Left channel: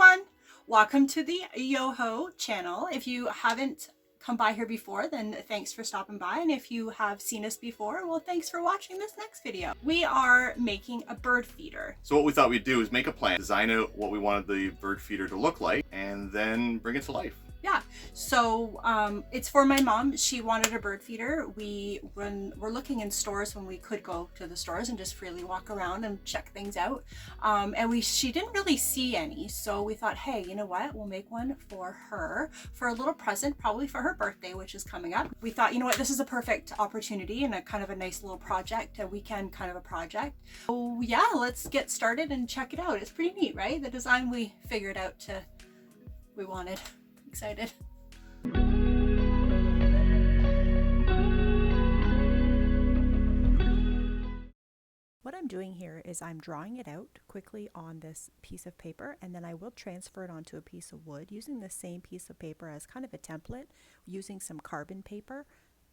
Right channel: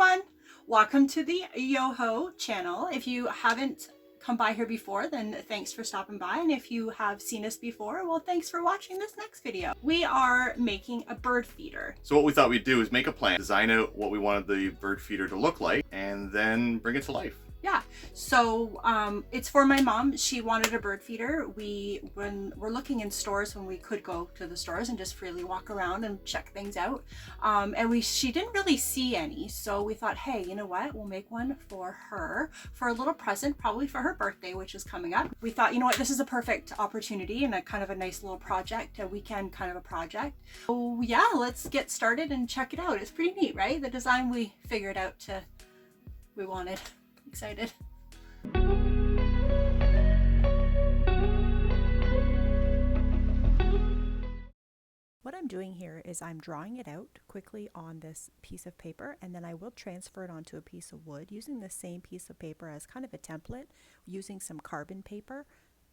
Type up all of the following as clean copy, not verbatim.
everyone, welcome to the Yoho channel. If you haven't come by here before, then thanks for stopping by, and if you have seen us before, well, thanks for watching this next video. We are making a bird feeder. So what we thought we'd do is make a plan, design out what we wanted the bird feeder to look like, and then bring it to life. Yeah, so it's for my mom. She wanted a bird feeder. When we're looking in stores, when we could go to the stores and just freely walk around and check things out, and she didn't really see any, so we thought, hey, you know what, we'll make one for her for a little present, probably for her birthday, which is coming up. We thought, you know what, this is a perfect opportunity and a kind of a nice little project, a weekend kind of a project. So yeah, let's get started and check it out. It's pretty neat, right? The design we figured out we wanted. Excited. What I'm doing here is I'm drawing it out quickly on this piece of paper, and then I will transfer it onto a piece of wood using the same piece of paper as kind of a template, using some carbon paper,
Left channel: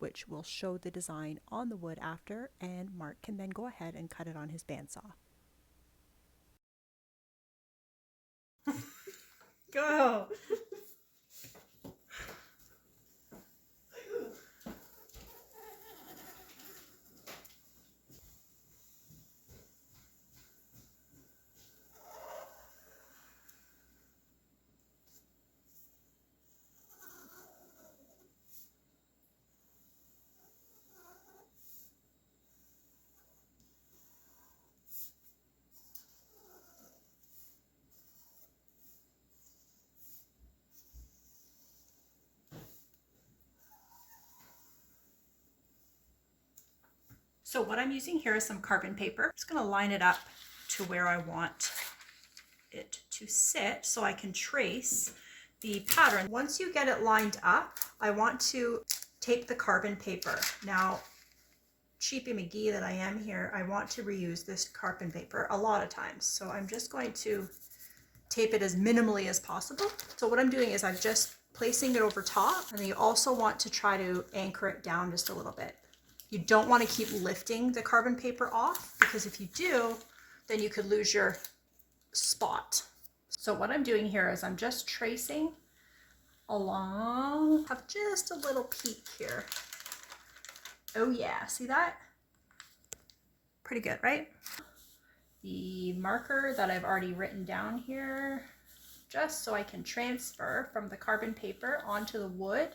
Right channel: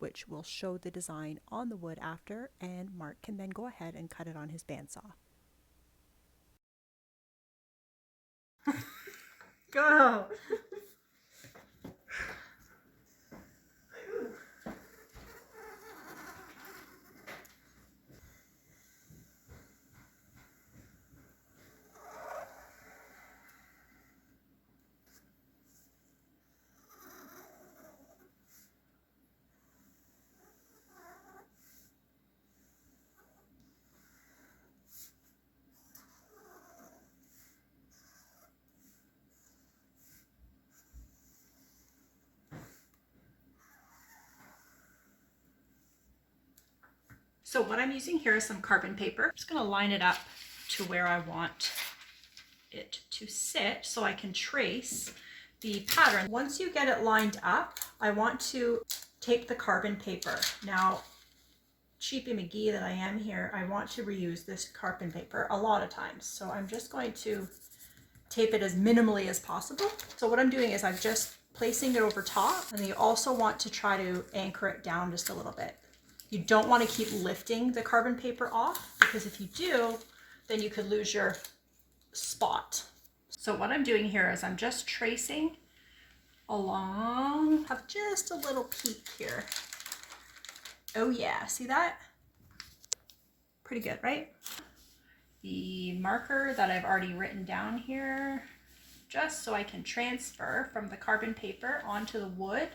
which will show the design on the wood after, and Mark can then go ahead and cut it on his bandsaw. Go! So what I'm using here is some carbon paper. I'm just going to line it up to where I want it to sit so I can trace the pattern. Once you get it lined up, I want to tape the carbon paper. Now, cheapy McGee that I am here, I want to reuse this carbon paper a lot of times. So I'm just going to tape it as minimally as possible. So what I'm doing is I'm just placing it over top, and then you also want to try to anchor it down just a little bit. You don't want to keep lifting the carbon paper off, because if you do, then you could lose your spot. So what I'm doing here is I'm just tracing along, have just a little peak here. Oh yeah, see that? Pretty good, right? The marker that I've already written down here, just so I can transfer from the carbon paper onto the wood.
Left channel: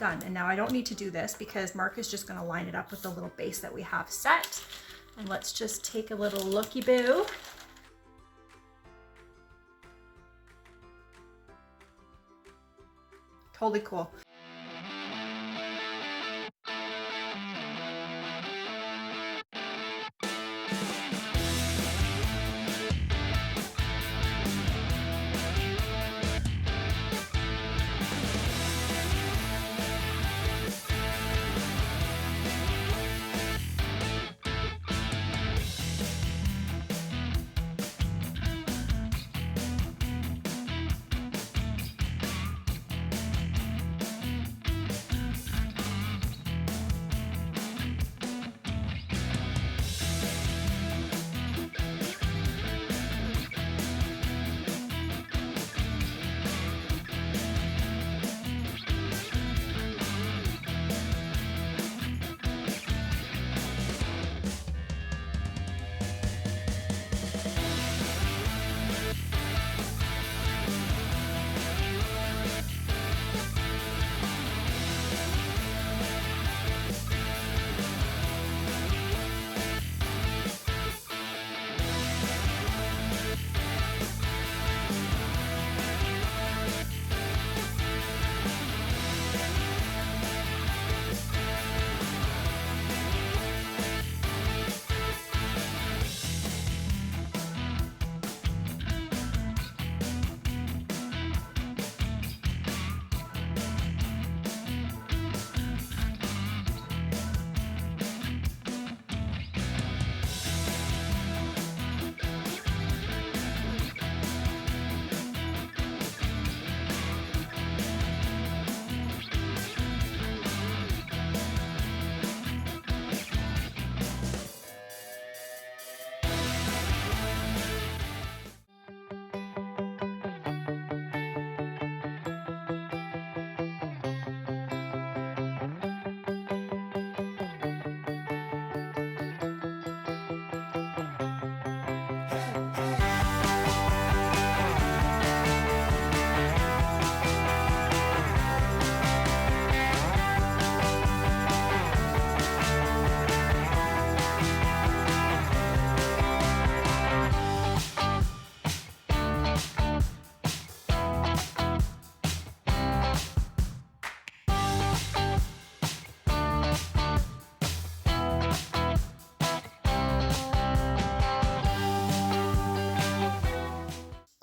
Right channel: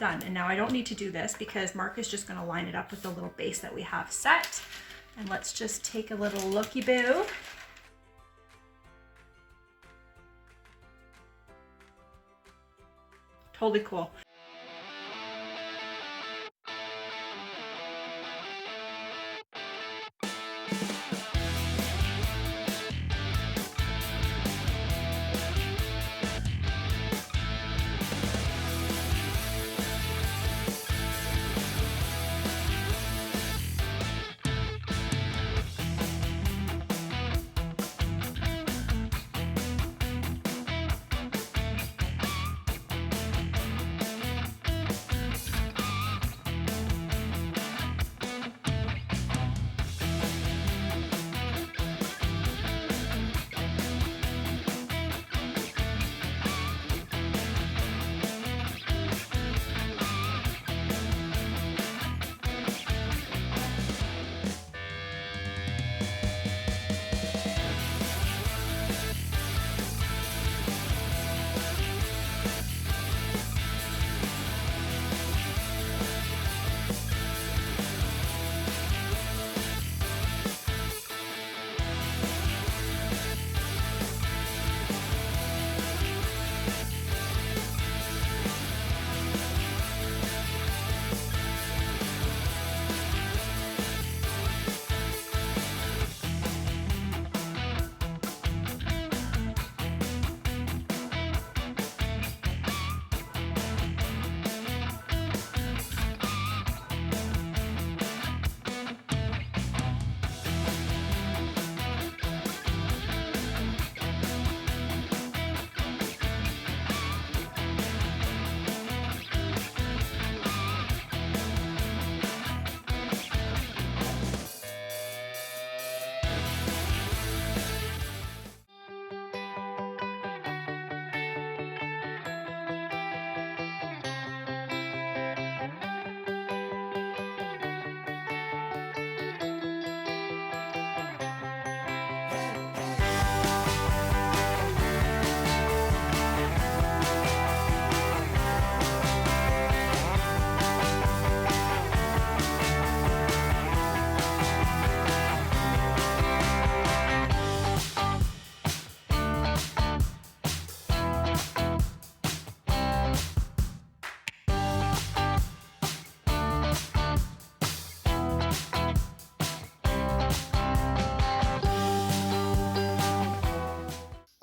Done. And now I don't need to do this because Mark is just going to line it up with the little base that we have set. And let's just take a little looky-boo. Totally cool.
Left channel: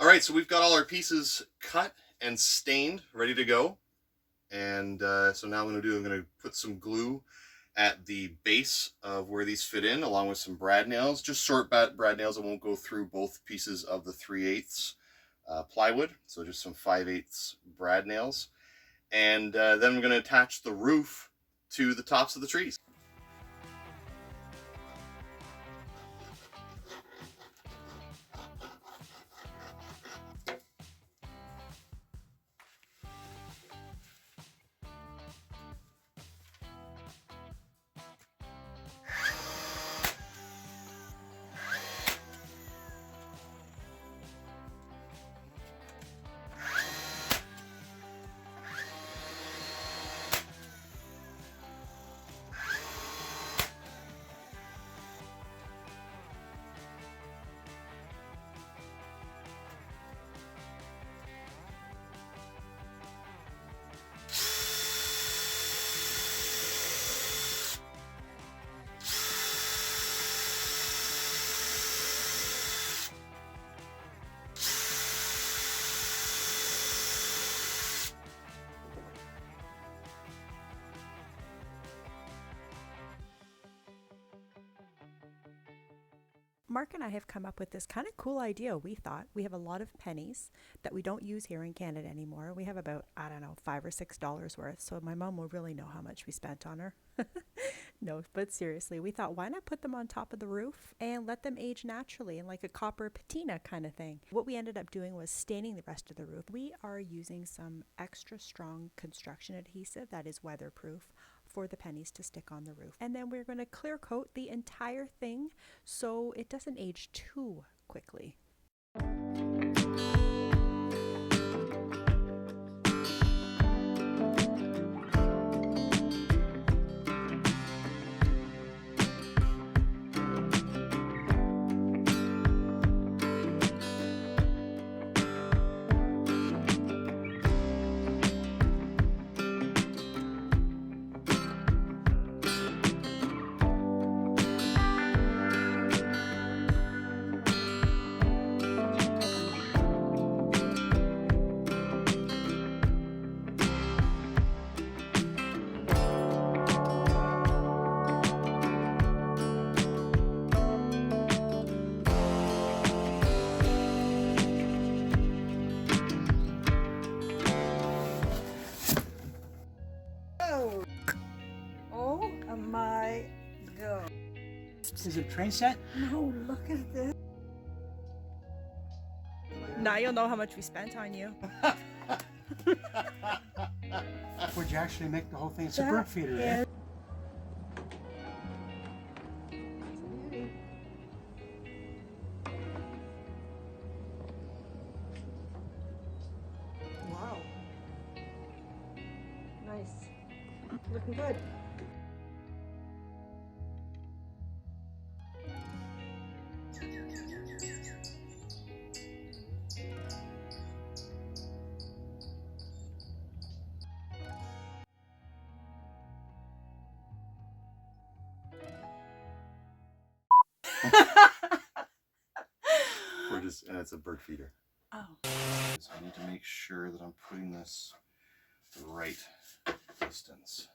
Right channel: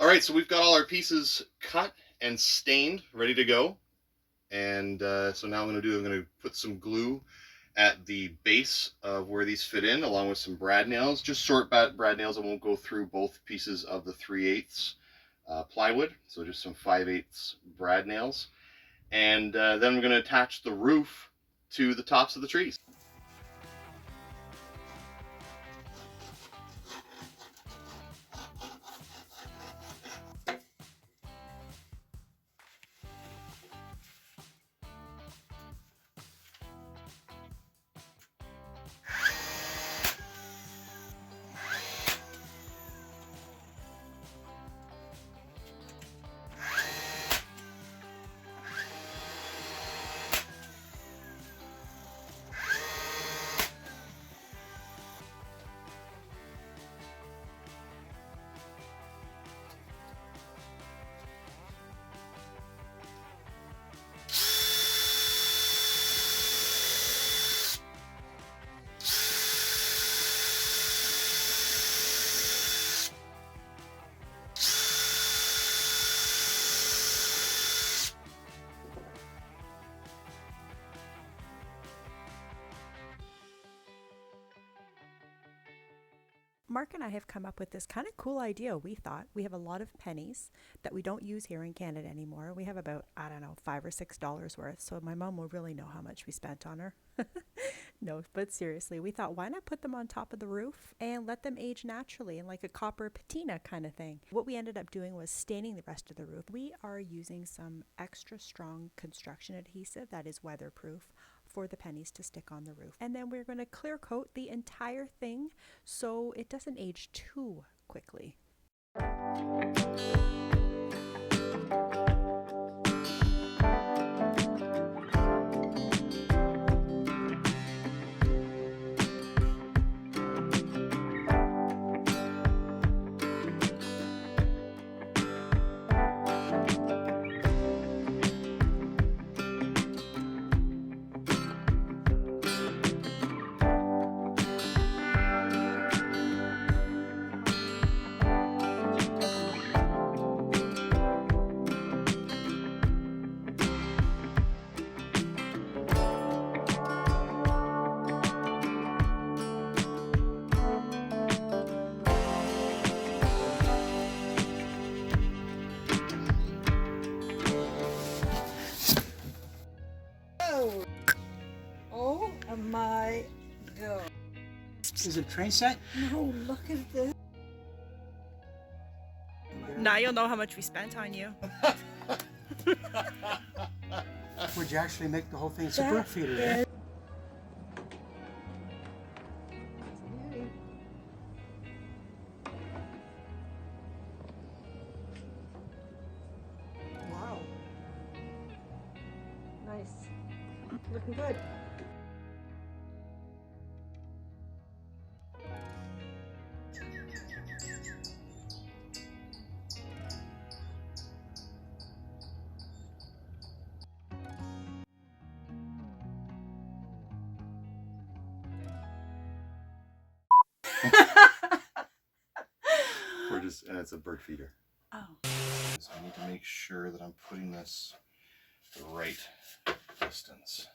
right, so we've got all our pieces cut and stained, ready to go. And so now I'm going to put some glue at the base of where these fit in, along with some brad nails, just short brad nails. I won't go through both pieces of the 3/8 plywood, so just some 5/8 brad nails. And then we're going to attach the roof to the tops of the trees. Mark and I have come up with this kind of cool idea. We thought we have a lot of pennies that we don't use here in Canada anymore. We have about, I don't know, $5 or $6 worth. So my mom will really know how much we spent on her. No, but seriously, we thought, why not put them on top of the roof and let them age naturally in like a copper patina kind of thing. What we ended up doing was staining the rest of the roof. We are using some extra strong construction adhesive that is weatherproof for the pennies to stick on the roof. And then we're going to clear coat the entire thing so it doesn't age too quickly. Oh my God. Is it train set? No, look at this. Now you'll know how much we spent on you. Would you actually make the whole thing? It's a bird feeder, yeah? Wow. Nice. Looking good. And it's a bird feeder. Oh. So I need to make sure that I'm putting this the right distance.